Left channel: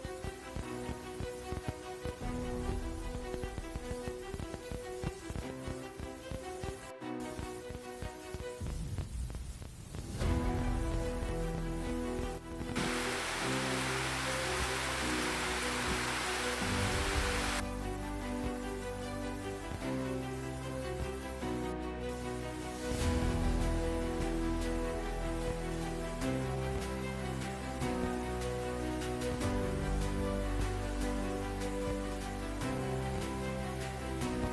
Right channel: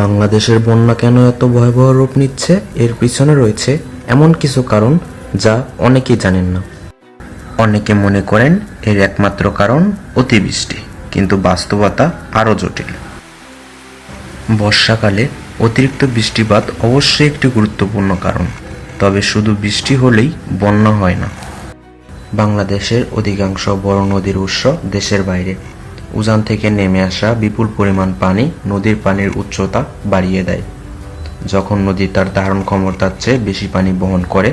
বাংলাদেশের বন্যা কেন এত ভয়াবহ রূপ নিচ্ছে এর পিছনে রয়েছে এমন কিছু কারণ যা অনেকেই জানেন না। অনেকে মনে করেন এর একমাত্র কারণ অতিবৃষ্টি, কিন্তু বাস্তবতা আরও জটিল। বর্ষাকালে অতিরিক্ত বৃষ্টিপাত অবশ্যই একটি গুরুত্বপূর্ণ কারণ, তবে শুধু বৃষ্টি হলেই বন্যা হয় না। বাংলাদেশের অধিকাংশ বড় নদীর উৎস দেশের বাইরে। উজান থেকে নেমে আসা বিপুল পরিমাণ পানি নদীর পানির উচ্চতা বাড়িয়ে দেয়। যখন নদী তার ধারণ ক্ষমতার চেয়ে বেশি পানি বহন করে,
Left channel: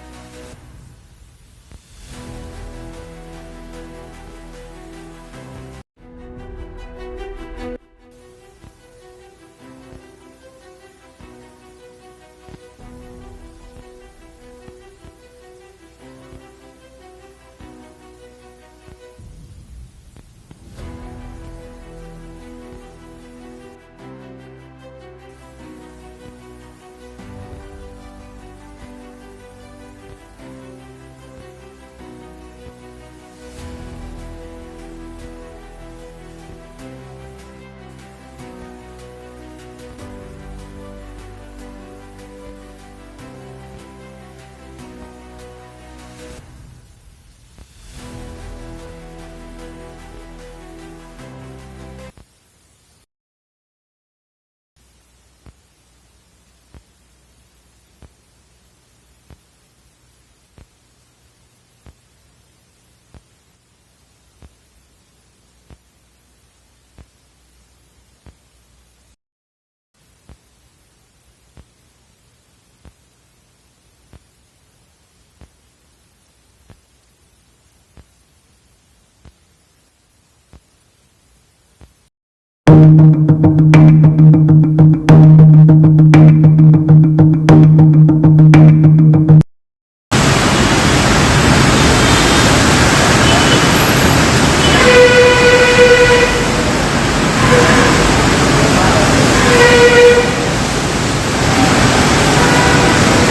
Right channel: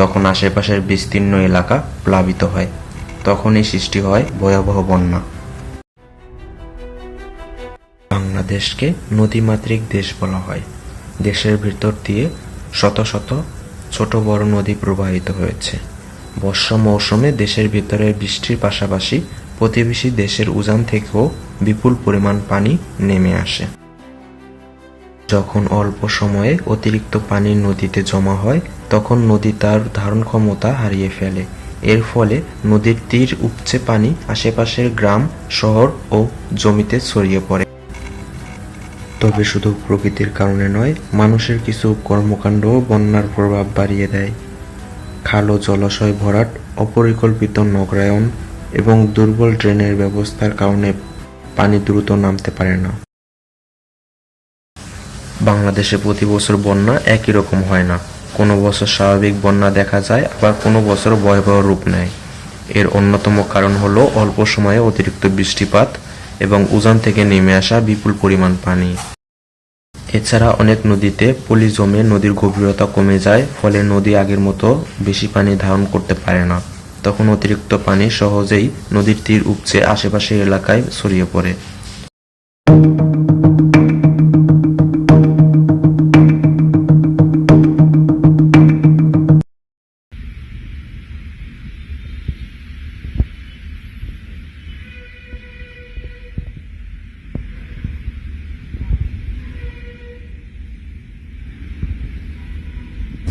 তখন আশেপাশের বিস্তীর্ণ এলাকা প্লাবিত হয়। তখনই সৃষ্টি হয় ভয়াবহ বন্যা। বাংলাদেশকে নদীমাতৃক দেশ বলা হয়। দেশের ভিতর দিয়ে শত শত ছোট বড় নদী প্রবাহিত হয়েছে। বর্ষা মৌসুমে দেশের ভিতরে বৃষ্টির পাশাপাশি প্রতিবেশী দেশের উজান থেকেও বিপুল পরিমাণ পানি নেমে আসে। যখন অল্প সময়ে অতিরিক্ত পানি নদীতে জমা হয়, তখন নদী তার ধারণ ক্ষমতা হারিয়ে ফেলে। এর ফলে নদীর তীর উপচে পানি আশেপাশের গ্রাম, শহর ও জমিতে ছড়িয়ে পড়ে। তবে শুধু প্রকৃতির কারণে নয়, মানুষের কিছু কর্মকাণ্ডও বন্যার প্রভাব বাড়িয়ে দেয়। খাল ও জলাশয় ভরাট, অপরিকল্পিত নগরায়ন এবং দুর্বল ড্রেনের ব্যবস্থার কারণে পানি দ্রুত নামতে পারে না। বাংলাদেশে প্রতি বছর বন্যা একই রকম হয় না। কোনো বছর স্বাভাবিক বন্যা দেখা যায়, আবার কোনো বছর ভয়াবহ রূপ নেয়। এর অন্যতম কারণ হলো অল্প সময়ে অতিরিক্ত বৃষ্টিপাত এবং উজান থেকে নেমে আসা বিপুল পরিমাণ পানি। এছাড়া অনেক নদীতে পলি জমে নদীর গভীরতা কমে যায়, ফলে নদী আগের মতো বেশি পানি ধারণ করতে পারে না। তখন অতিরিক্ত পানি সহজেই নদীর তীর উপচে আশেপাশের এলাকায় ছড়িয়ে পড়ে।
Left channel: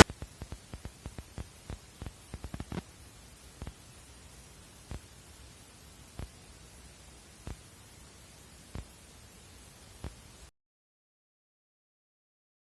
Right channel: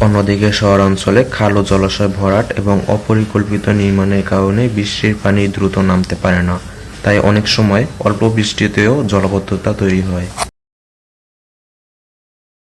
অন্যদিকে শহরাঞ্চলে খাল ও জলাশয় ভরাট এবং অপরিকল্পিত নির্মাণের কারণে বৃষ্টির পানি দ্রুত নামতে পারে না, তাই অনেক সময় অল্প বৃষ্টিতেও জলাবদ্ধতা তৈরি হয়।